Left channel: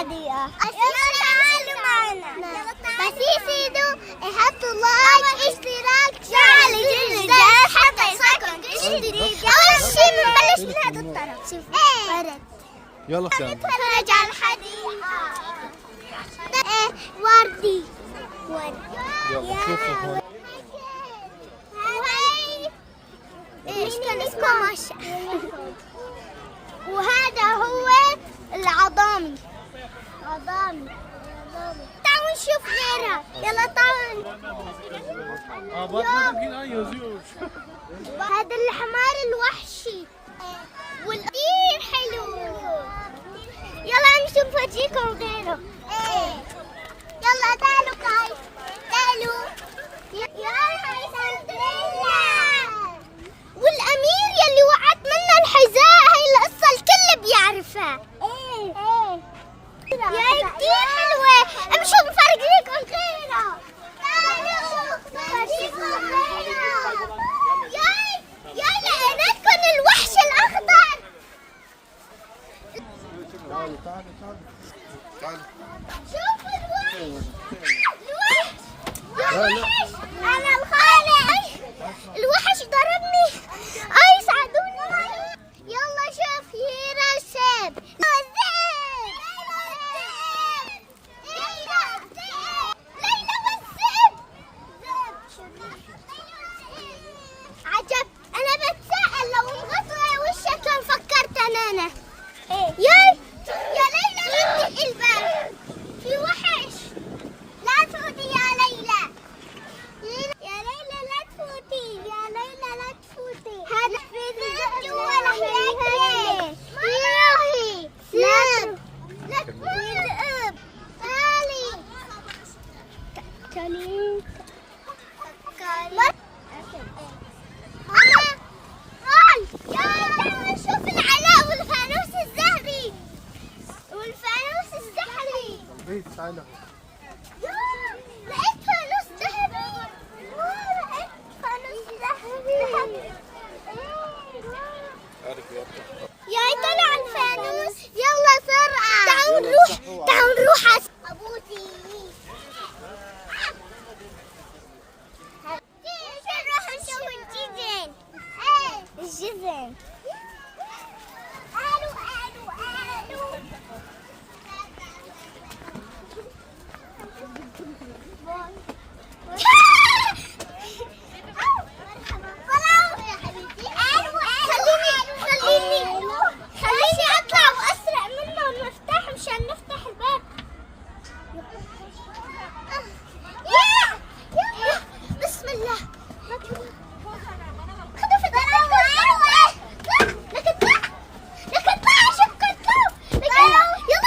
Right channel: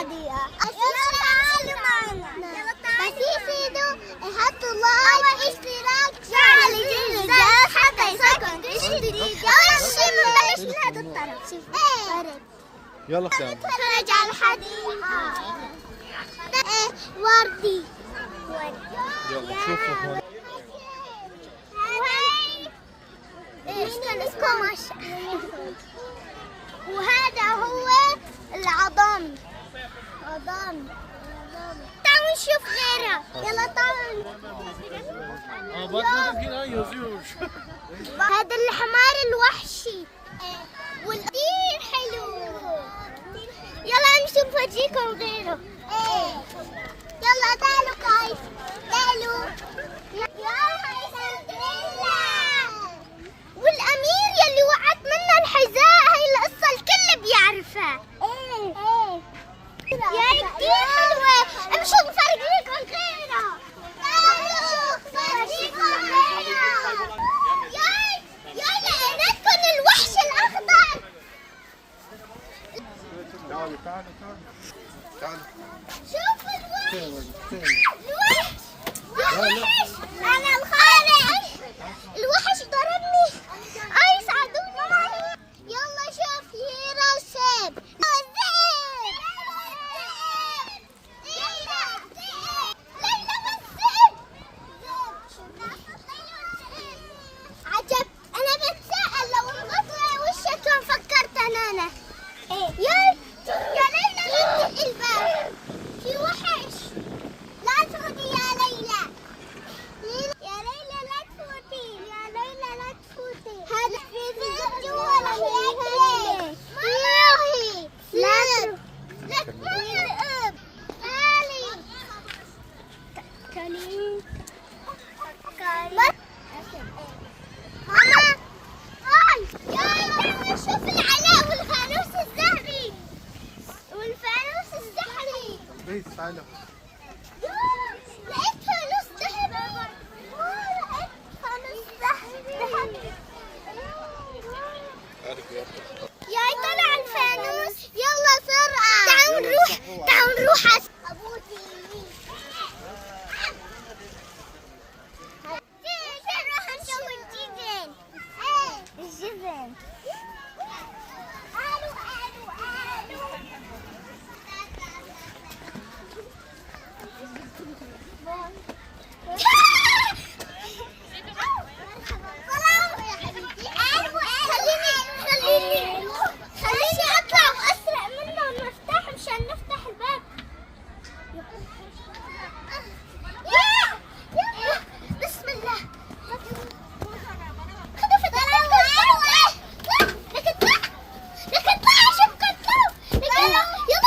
الحديقة. تعالوا معنا. بس يفيدوا يحطوا لايك اشتراك شغل الجرس حتى يصيركم شيء جديد. أول شيء بنبلش من هذا الطرف. شوف بارك. يلا نتفرج على الحديقة. وردي. يلا شوفوا هون. وهذا هو العظامي. تعالوا نشوف غيرها. يلا تعالوا. هذا الحمار الوحشي والكثير حلو. يلا نشوف وجهكم غيره. يلا تعالوا كايس. تعالوا. والأمير يلي وقعت منه الحذاء، هاي القصة الكل بيعرفها. يا كتير حلوة. امشوا بفرق لكم غيرها. يا لقيناكم الوحش الأخضر. تعالوا شوفوا الوحش. الوحش. أنا الخالق. الوحش ضربني. أي ساعدوني. يلا شوف هيرا السيب. عجب. أنا بتساءل لو انغطى وشك فكرت أنا. يا ليلى لا تفتحي الباب، في وحش. لا تفوتي يا ليلى. يا ليلى لا تفوتي. يا ليلى لا تفوتي. هذا في جوا رح ياكل. لا ذئب. تعالي. ماما هاي. يلا شوف العلاء والفانوس الذهبي والفانوس السحري. تعالوا. لقيت فانوس ذهبي. لقيت فانوس ذهبي. يا طلع الفانوس. يلا سرعة. تعالوا نروح. أبوتي نروح نشوف الجزن. الجزن. خليني اطلع واسرع منه المفتاح مشان نفتح الباب. بسم الله. خذوا في الطريق. لك اطلع شوف كتلو. يلا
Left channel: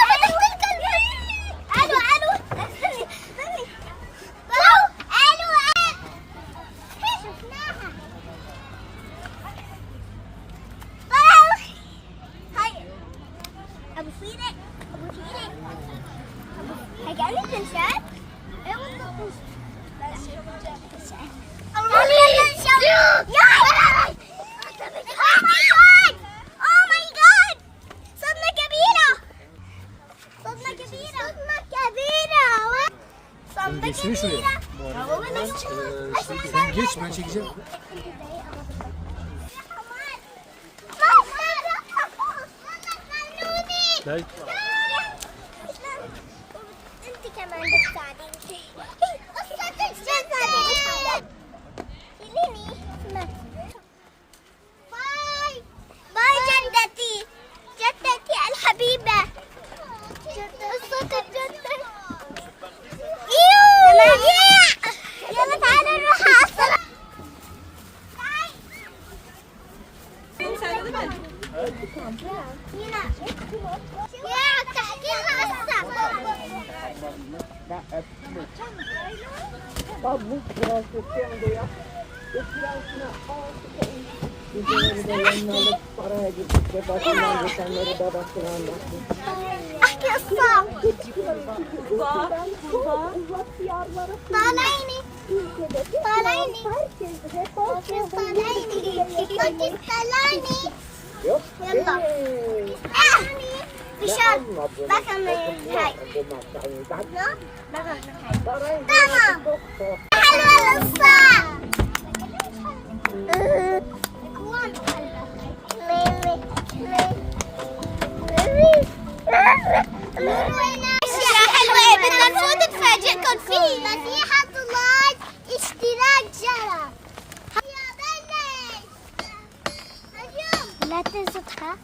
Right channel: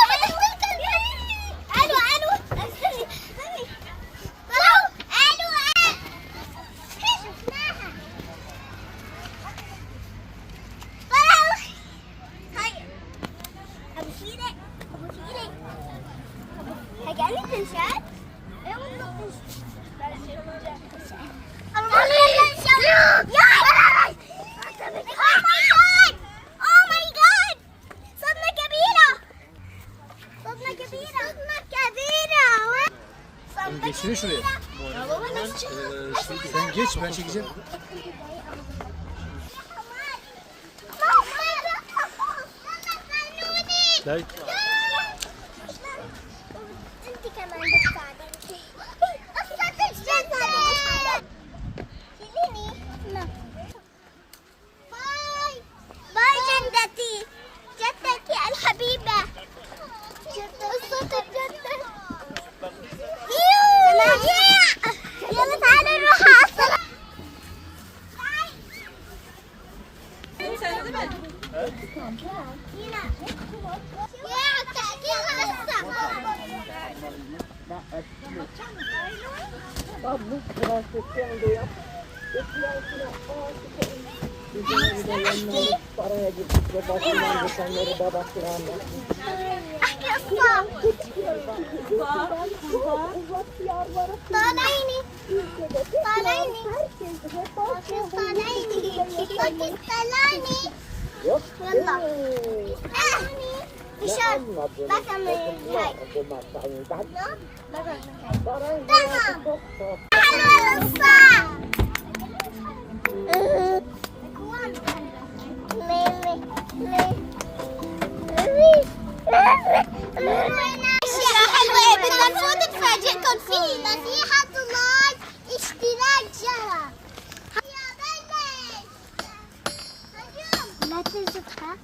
فتحت الكلب. الو هاي ابو فيلة. هاي كانت تنشات. ايه والله تنشات. اوه ماي جاد. صدمة كبيرة. انت كمان بتساعديني. قصة الجزر. باي جدتي الحبيبة. قصة الجدة. يلا تعالى نروح على الصلاة. يا تعطيها الصلاة. احكي قصة. طالعيني. يلا. فشار بقى من هاي بقى من هاي تمام حلوة الصعب أشياء حلوة بالمفروض تفاجئكم فيه نصيحة لايك اشتراك جرس لا تزقها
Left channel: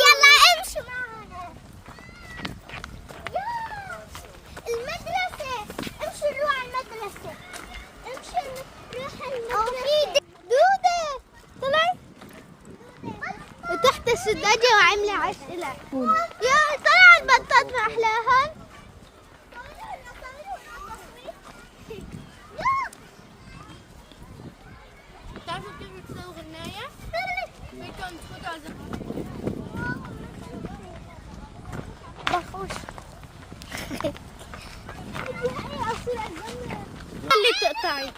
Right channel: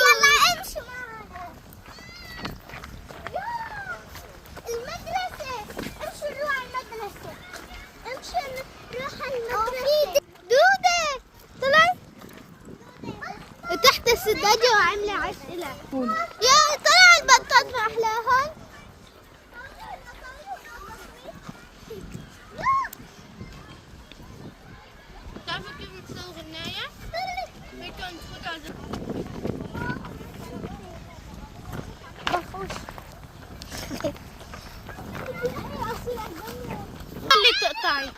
يلا امشي معنا المدرسة امشي نروح على المدرسة امشي نروح على المدرسة دودة طلعي تحت السداجة وعملة عسلة يا طلع البطاط ما أحلاها تعرفوا كيف بتسوي غناية؟ فيكم تفوتوا على بخوش اللي تقطعي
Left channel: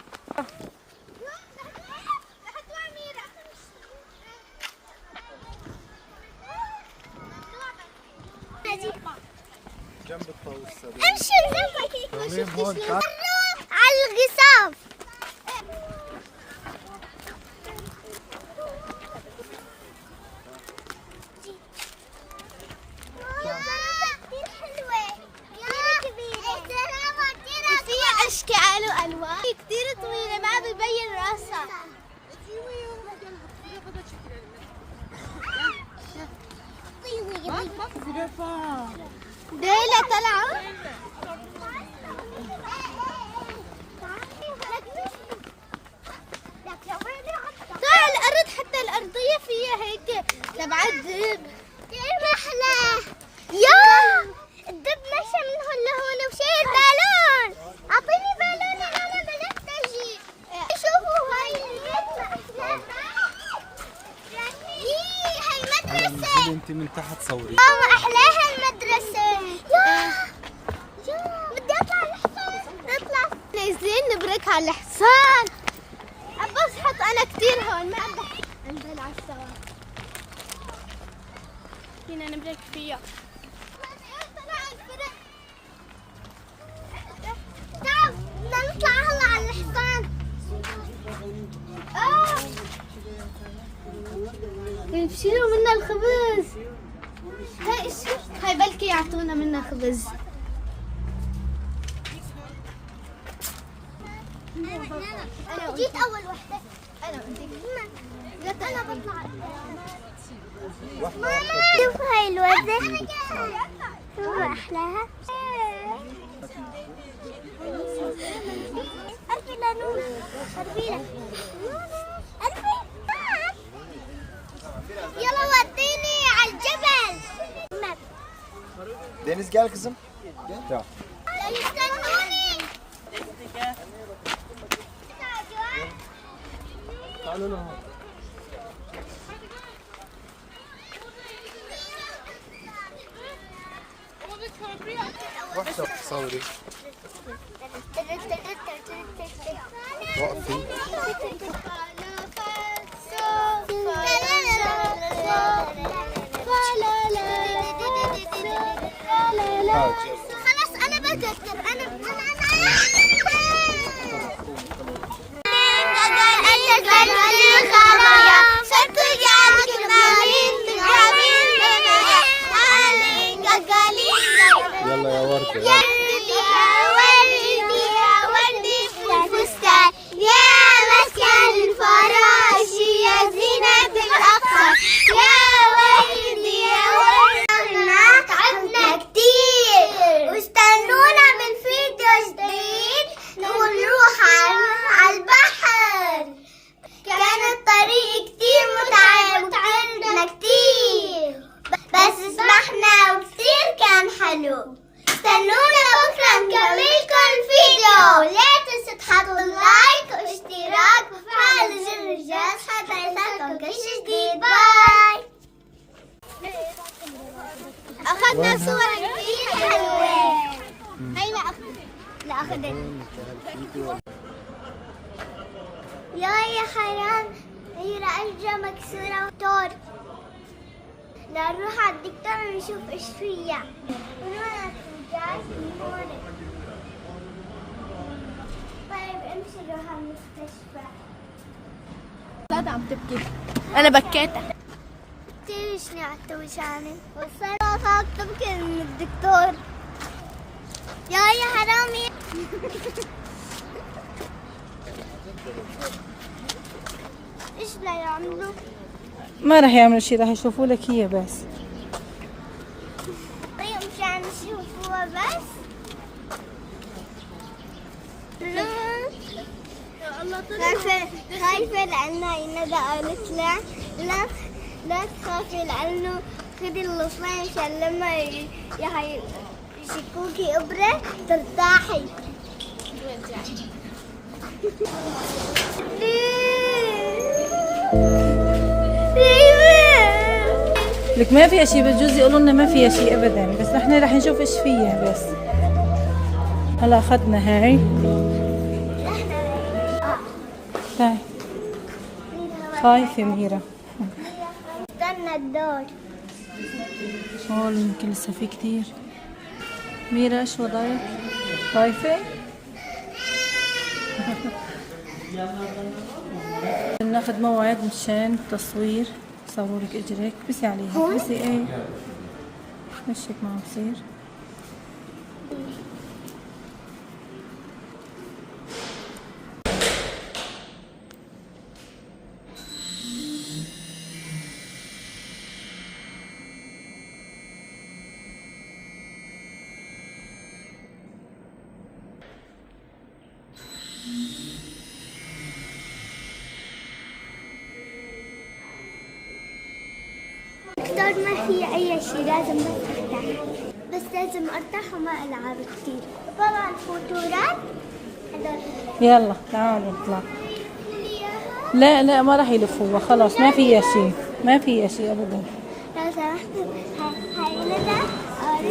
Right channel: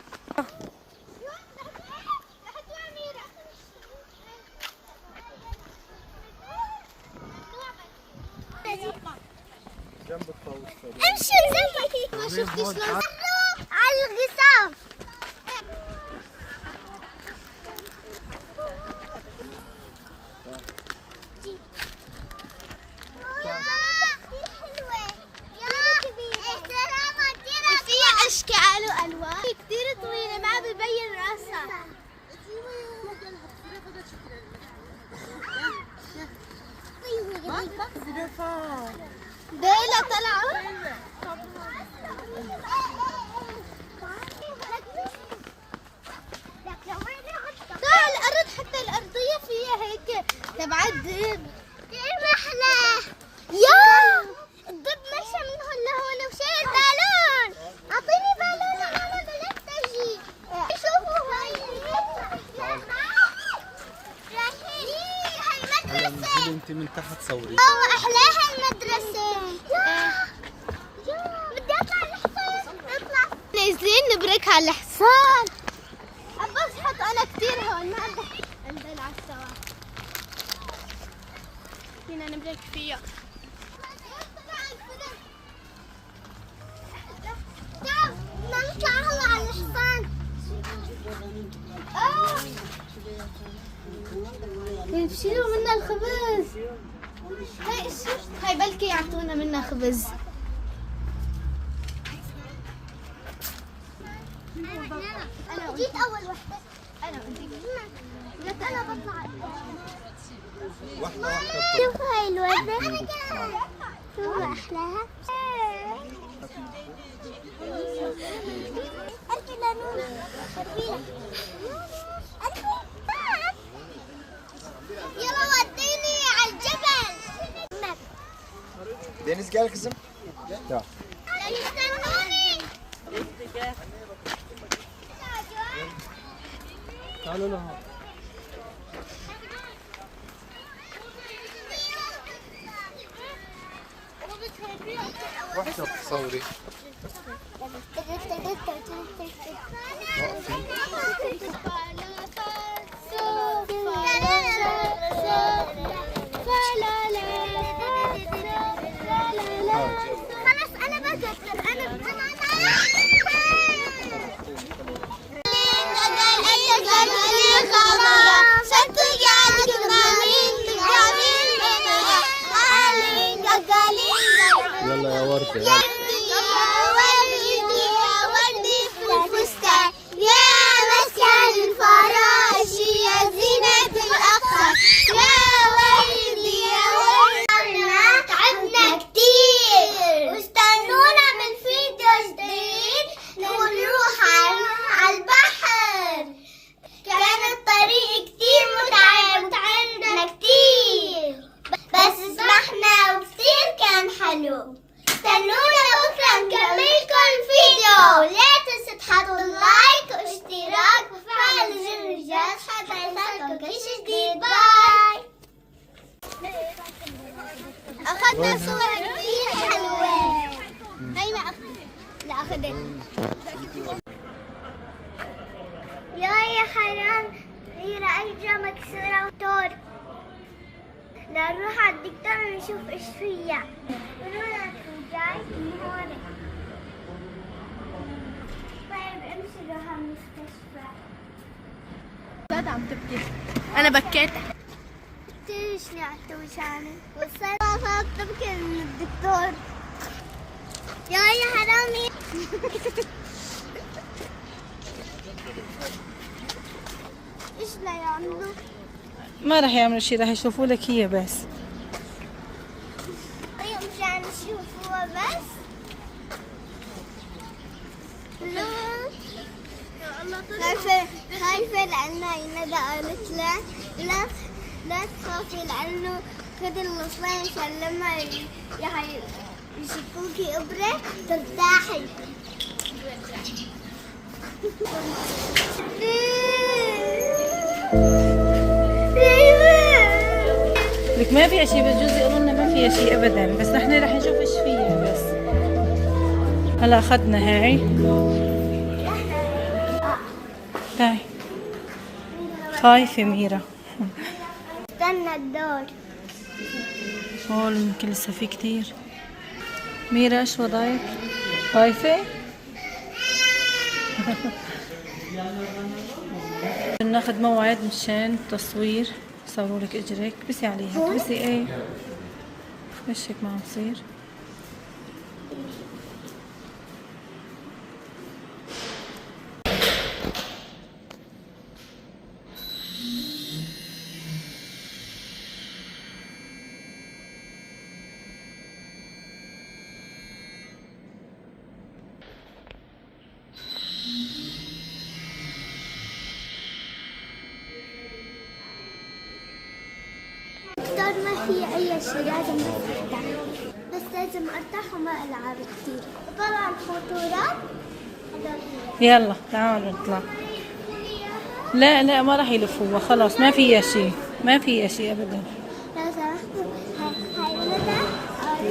جنب الطاووس. امشي ما شفتش شلون على القصاف فيها اشكال والوان كثير طويله ما بيبين راسها ديلا طلعوا طلع الارض حتى الارضيه فيها هيك تبعت دب رحلة يا الدب مشى من هون لهون وشايل بالون اعطيني بالون انا بلفت اجي شوفوا هاي المدرسة انت من تحت صوري. ماما احلاها المدرسة بدي اطلع على الحصان نطلع نازلين نبرك على الحصان ابص حط انا كثير هون ما انزل على السوا فينا نبرك فيها تعال بدنا نطلع هلا على الحصان بشيلوا منا الخبز هاي هاي بلكي يعطونا منا خبز انا جيت اول وحده انا جيت انا بطلع ماما شوف هاي الوردة شوفوا احلاها ألفي لانوس أربيلة يلا وديني على الجبل Deniz gel kızım. Gel. استنوني تعالوا لهم. وحدة صوري. وقفي. خلاص انا بقدر انا يلا يا وردة. يا ولدي يا ولدي الفستان يا مسكن الفراش يا زينة الأقصى يا ولدي يا ولدي تعبنا كتير واستنونا بالفيديو جديد نروح على البحر كان الطريق كتير متعب وتعبنا كتير بس سمحنا وكتير كان حلو استنونا بكرة نكملكم الفيديو لا تنسوا تحطوا لايك واشتراك وفعل زر الجرس حتى يوصلكم كل شيء جديد باي أخذنا صور كتير حلوة هاي ما أخذت لا أخذت يا حرام ميرا أرجع مكسورة وطور نروح على الدكتور نشوف ايش فيها. ونروح جاي من هون. طيب امشي نروح على المستشفى. لا عم تبكي. انا بكيت. تيجي على وشاني وصلت خاف تبكي من الدكتور. يا حرامي. ايش لا يعملوا؟ ما راح يعملوا شيء، راح يشوفوا لك هي بس. طيب مشان نشوفوها بس. لا خايفة لأنها ندى قالت لا تخافي لأنه خدي الوصلين عشان لما يشكوكي إبرة ترتاحي. لك ما فيها شيء، بجوز يقولوا لنا ما فيها شيء ابدا، بس احنا رح نشوف ايش فيها بس. هلا اخذنا هاي. تعي. خايفة ميرا. استنى الدور. هول يمكن لسه في كتير. ميرا ايش وضعك؟ خايفة؟ ناخذ موعد مشان التصوير. صاروا لك اجرك، بسي عليها، بسي ايه؟ ايش هيك ما عم تصير؟ دكتور ما في أي شيء، لازم بس أرتاح، بس لازم أرتاح وما ألعب كثير. طبعا فوتورات يلا تعالوا نطلع. لا ما راح يلفوها، خلاص ما فيها شيء، ما فيها شيء ابدا.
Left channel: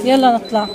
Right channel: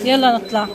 يلا نطلع.